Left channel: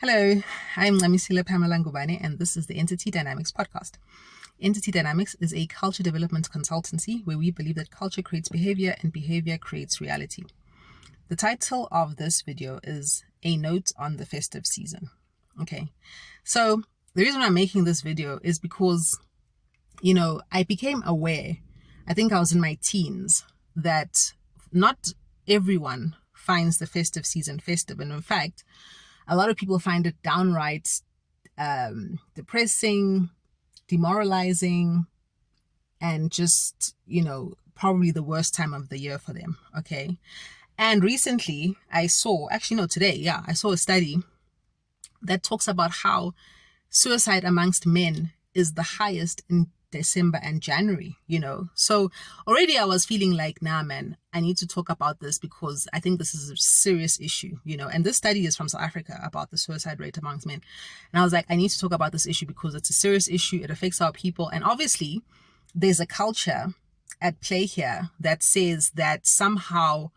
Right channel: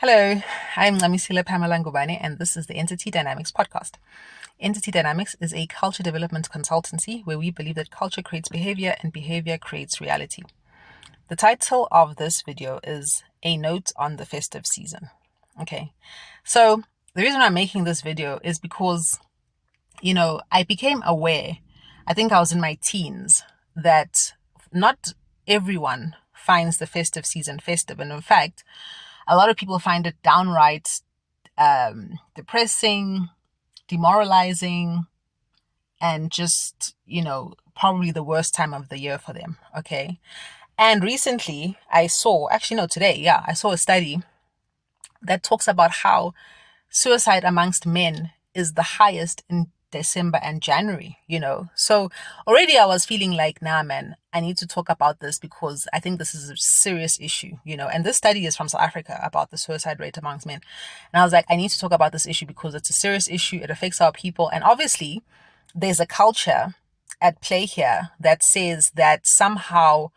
Hello, I'm Lamisila Pamela Ngubane, and this is the Entity Dynamics podcast. Entity Dynamics is a culture development consultancy where we believe that culture creates behavior and behavior creates reality. The title of this video is A Note on the Festive Season. Okay, so the reason I'm making this video is because, I became aware, I think I was in my teens, that not everyone finds the festive season festive. And in fact, a lot of people find it downright depressing, demoralizing, and just, probably the worst time of the year for them. Okay. And recently I saw, today, I saw a study that talks about how suicide amongst men is the highest in December and January. So already I was feeling like, nah, man, I need to talk about this because I think this is a serious issue. And this study is from South Africa about the suicide rate amongst men. And I was like, I need to talk about this issue because it's a serious issue. It affects our people. And obviously there's a culture at play here that says that somehow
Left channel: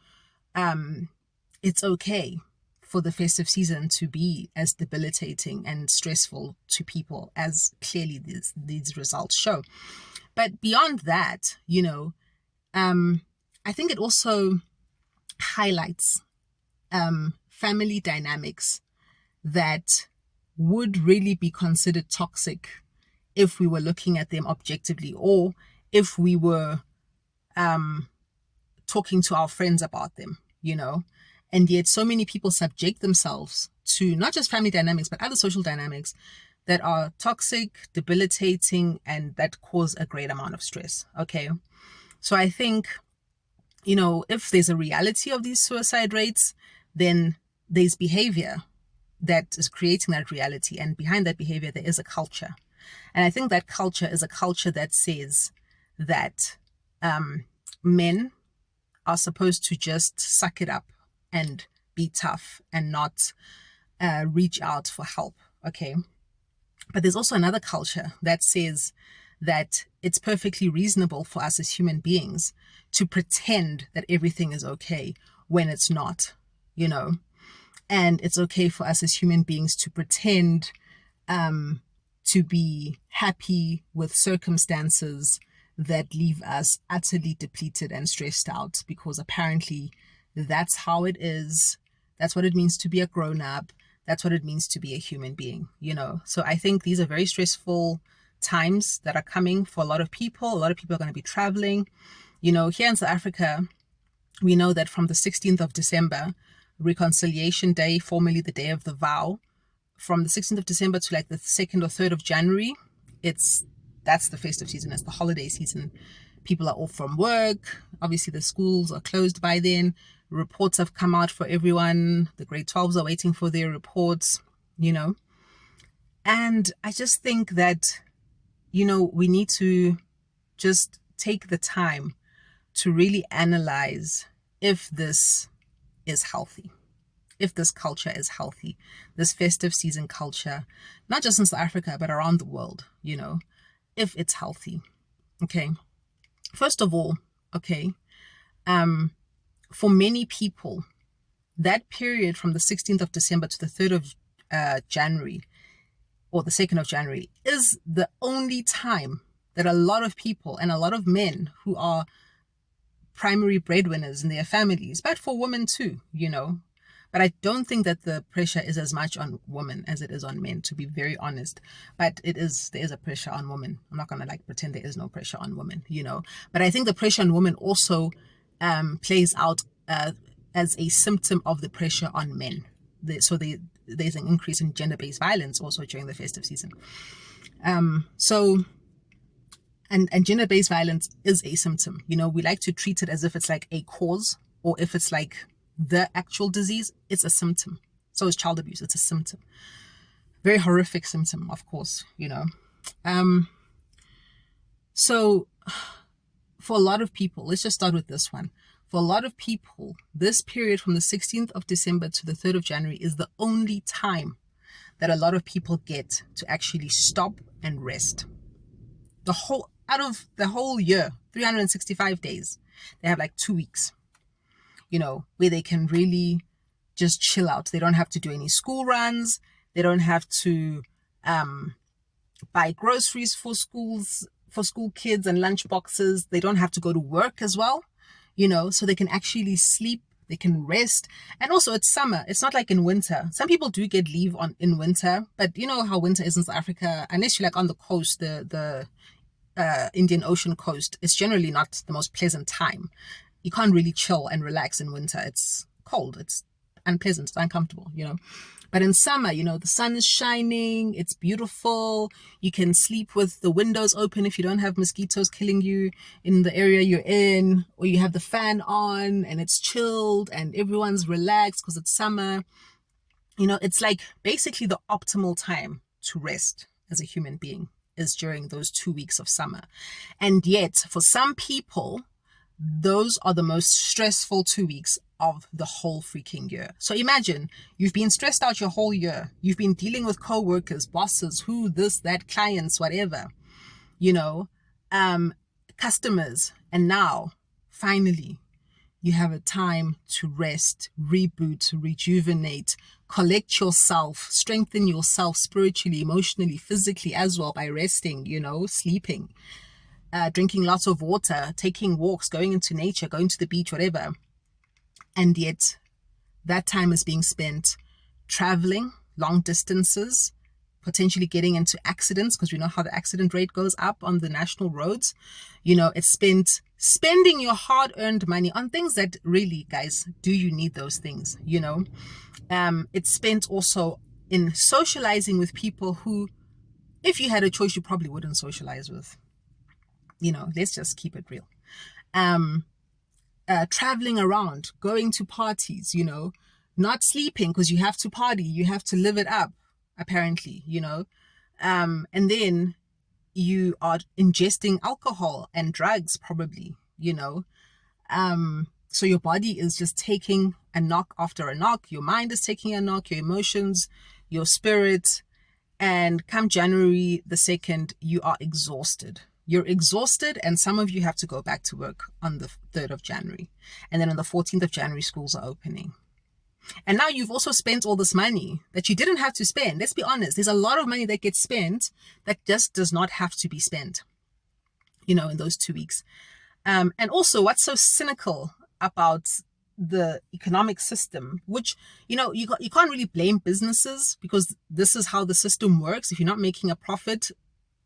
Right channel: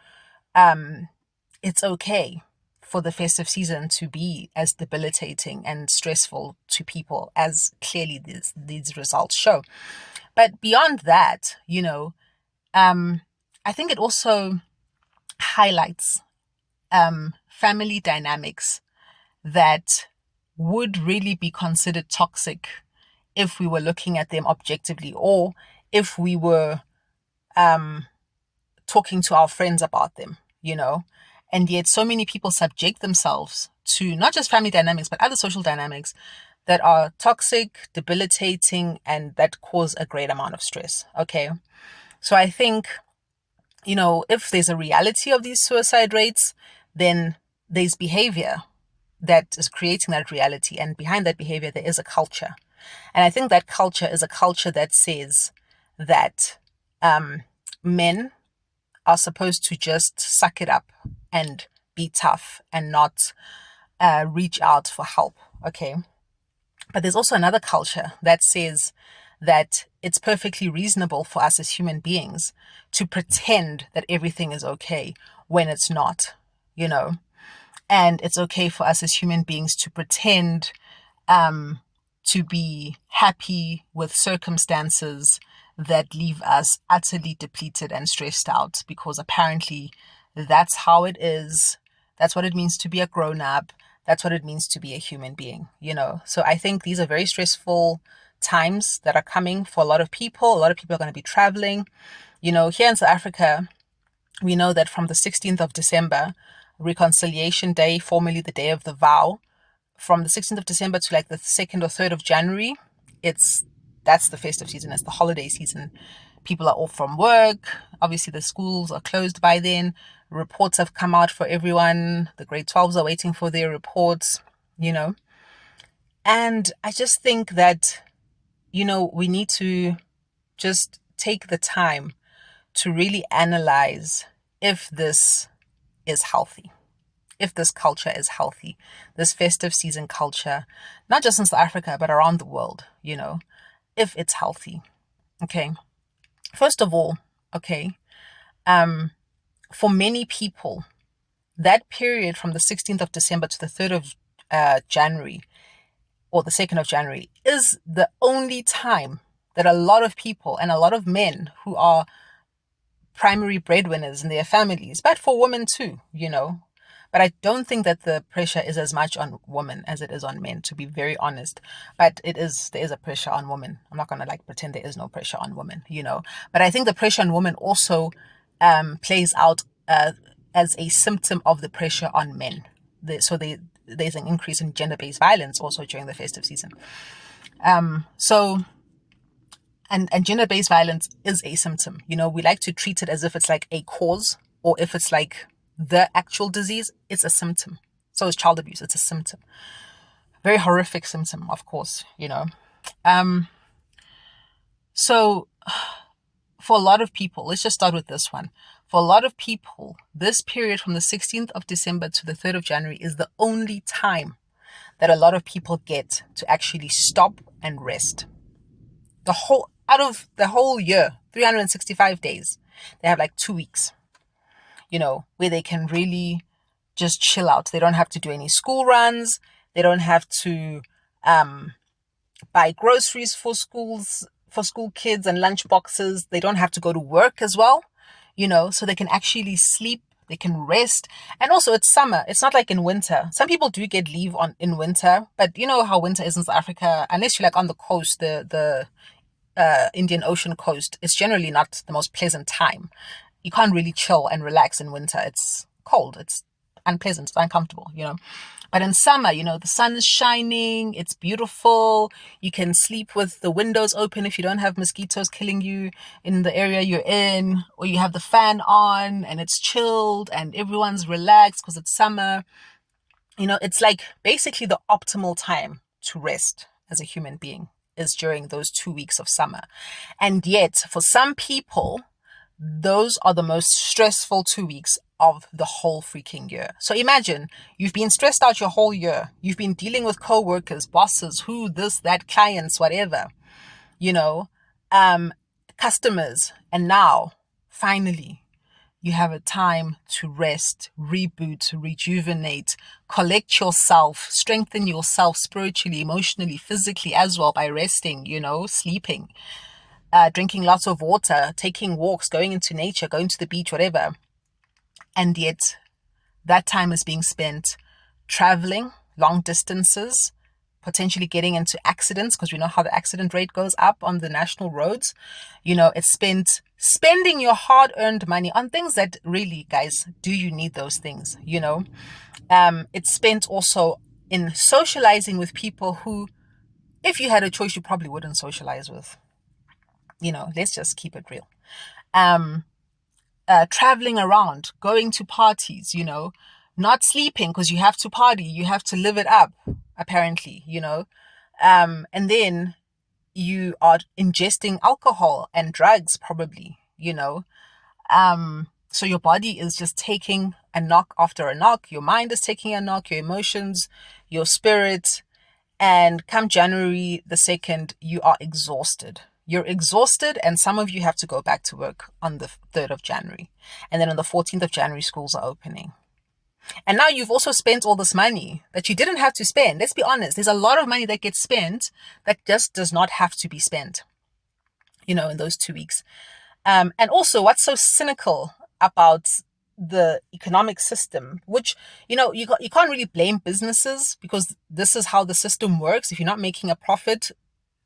it's okay for the festive season to be as debilitating and stressful to people as clearly these results show. But beyond that, I think it also highlights family dynamics that would really be considered toxic if we were looking at them objectively, or if we were talking to our friends about them. And yet so many people subject themselves to not just family dynamics, but other social dynamics that are toxic, debilitating, and that cause a great amount of stress. Okay. So I think, if there's a reality of these suicide rates, then there's behavior that is creating that reality. And behind that behavior, there is a culture. And I think that culture is a culture that says that men are supposed to just suck it up and be tough and not reach out for help. Okay. But there's also another culture that says that it's perfectly reasonable for us as human beings to pretend that everything is okay when it's not. And it's okay for us as human beings to pretend to be happy with circumstances that leave us utterly depleted and stressed out, because apparently that's how it is. That's what it means to be a grown-up. That's what it means to be a human being. So I think these are very stressful times that are coming for a lot of people. A lot of people are going to be traveling. Here in South Africa, we know that from the 16th of December, Reconciliation Day, formerly the Day of the Vow, from the 16th of December to like the 2nd or 3rd of January, that's the festive season. It's the holiday season. People are off from work. Obviously, the schools are closed by then. Reports have come out for everyone. The grade 12s are waiting for their reports. And I just think that, we need to just take the time to really analyze if this is healthy, if this culture is healthy, this festive season culture, not just in South Africa, but around the world, if it's healthy. Okay. First of all, okay, for many people, that period from the 16th of December to the 3rd of January, or the 2nd of January, is the only time that a lot of people and a lot of men who are primary breadwinners in their families, but for women too. But I don't think that the pressure is as much on women as it is on men, to be very honest. But there is a pressure on women. I'm not going to pretend there is no pressure on women. But I think the pressure on women also plays out as a symptom of the pressure on men. There's an increase in gender-based violence also during the festive season. And gender-based violence is a symptom. We like to treat it as if it's like a cause, or if it's like the actual disease. It's a symptom. So is child abuse. It's a symptom. Very horrific symptom, of course. So for a lot of people, let's just start with this one. For a lot of people, this period from the 16th of December to the 3rd of January is the only time that a lot of people get to actually stop and rest. Out of the whole year, 365 days, they have like 2 weeks, where they can really just chill out. They don't have to do any school runs. They don't have to buy groceries for school kids and lunch boxes. They don't have to go to work as well, so they can actually sleep, they can rest. And also it's summer. It's not like in winter. Some people do get leave in winter, but you know how winter is in South Africa, unless you're like on the coast, the Indian Ocean coast, it's generally not the most pleasant time. You can't really chill and relax in winter. It's cold. It's unpleasant. It's uncomfortable. But in summer, the sun is shining. It's beautiful. You can sleep with the windows open if you don't have mosquitoes killing you in the area you're in, or you have the fan on and it's chilled and everyone's relaxed because it's summer. It's like basically the optimal time to rest as a human being is during those 2 weeks of summer. And yet, for some people, those are the most stressful 2 weeks of the whole freaking year. So imagine you've been stressed out your whole year. You've been dealing with co-workers, bosses, who, this, that, clients, whatever, customers. And now, finally, you have a time to rest, reboot, rejuvenate, collect yourself, strengthen yourself spiritually, emotionally, physically as well by resting, sleeping, drinking lots of water, taking walks, going into nature, going to the beach, whatever. And yet that time is being spent traveling long distances, potentially getting into accidents, because we know how the accident rate goes up on the national roads. It's spent spending your hard-earned money on things that really, guys, do you need those things? It's spent also in socializing with people who, if you had a choice, you probably wouldn't socialize with. Let's just keep it real. Traveling around, going to parties, not sleeping because you have to party, you have to live it up, apparently, and then you are ingesting alcohol and drugs, probably, so your body is just taking a knock after a knock, your mind is taking a knock, your emotions, your spirit, and come January the 2nd, you are exhausted. You're exhausted, and some of you have to go back to work on the 3rd of January. And then on the 14th of January, schools are opening. And now you've also spent all this money that you didn't have to spend. Let's be honest. There's a lot of money that gets spent that just does not have to be spent, in those 2 weeks. And also, what's so cynical about the economic system, which, you can't really blame businesses because this is how the system works. If you're not making a profit,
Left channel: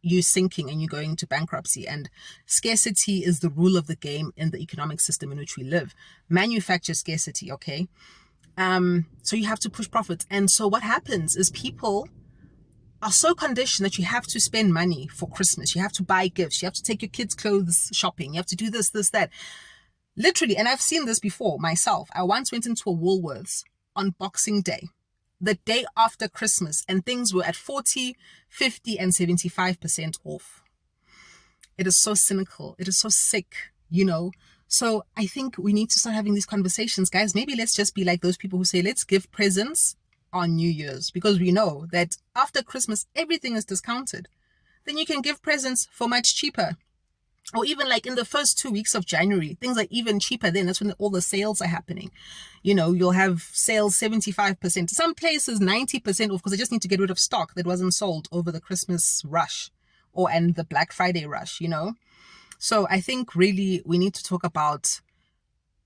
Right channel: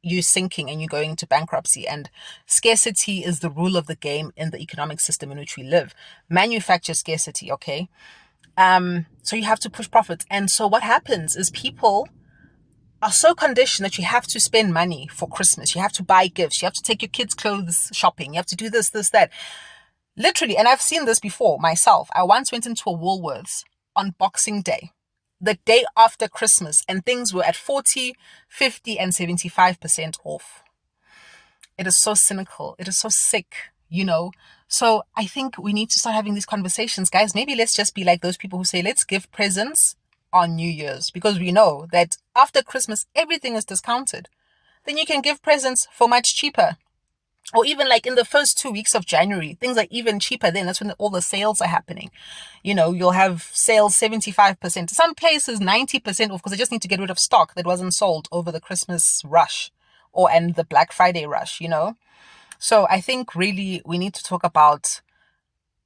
you're sinking and you're going into bankruptcy. And scarcity is the rule of the game in the economic system in which we live. Manufacture scarcity, okay? So you have to push profits. And so what happens is people are so conditioned that you have to spend money for Christmas. You have to buy gifts. You have to take your kids' clothes shopping. You have to do this, that. Literally, and I've seen this before myself. I once went into a Woolworths on Boxing Day, the day after Christmas, and things were at 40, 50, and 75% off. It is so cynical. It is so sick, So I think we need to start having these conversations, guys. Maybe let's just be like those people who say, let's give presents on New Year's, because we know that after Christmas, everything is discounted. Then you can give presents for much cheaper. Or even like in the first 2 weeks of January, things are even cheaper then. That's when all the sales are happening. You'll have sales 75%. Some places 90% off because they just need to get rid of stock that wasn't sold over the Christmas rush and the Black Friday rush, So I think really we need to talk about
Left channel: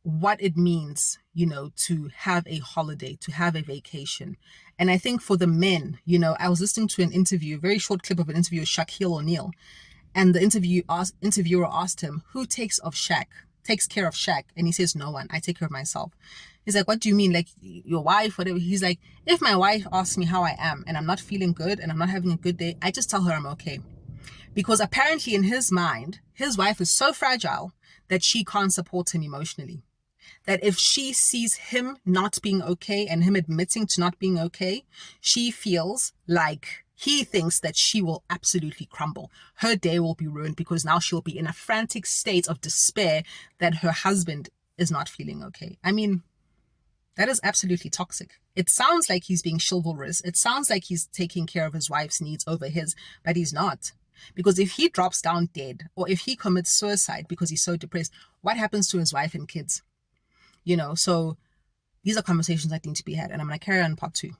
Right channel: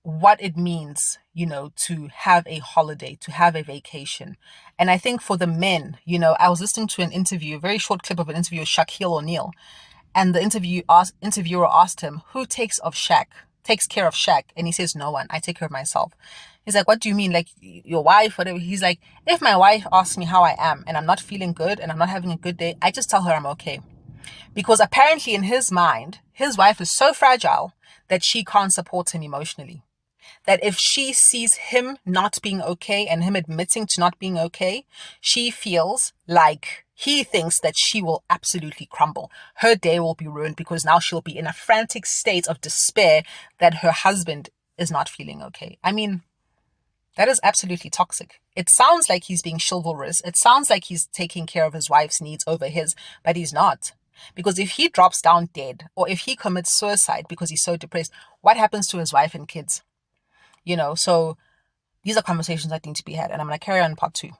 what it means, to have a holiday, to have a vacation. And I think for the men, I was listening to an interview, a very short clip of an interview with Shaquille O'Neal. And the interviewer asked him, who takes care of Shaq? And he says, no one. I take care of myself. He's like, what do you mean? Like your wife, whatever? He's like, if my wife asks me how I am and I'm not feeling good and I'm not having a good day, I just tell her I'm okay. Because apparently in his mind, his wife is so fragile that she can't support him emotionally. That if she sees him not being okay and him admitting to not being okay, she feels like he thinks that she will absolutely crumble. Her day will be ruined because now she'll be in a frantic state of despair that her husband is not feeling okay. I mean, that is absolutely toxic. It sounds like he's being chivalrous. It sounds like he's taking care of his wife's needs over his, but he's not. Because if he drops down dead or if he commits suicide because he's so depressed, what happens to his wife and kids? So these are conversations that need to be had. And I'm going to carry on part 2.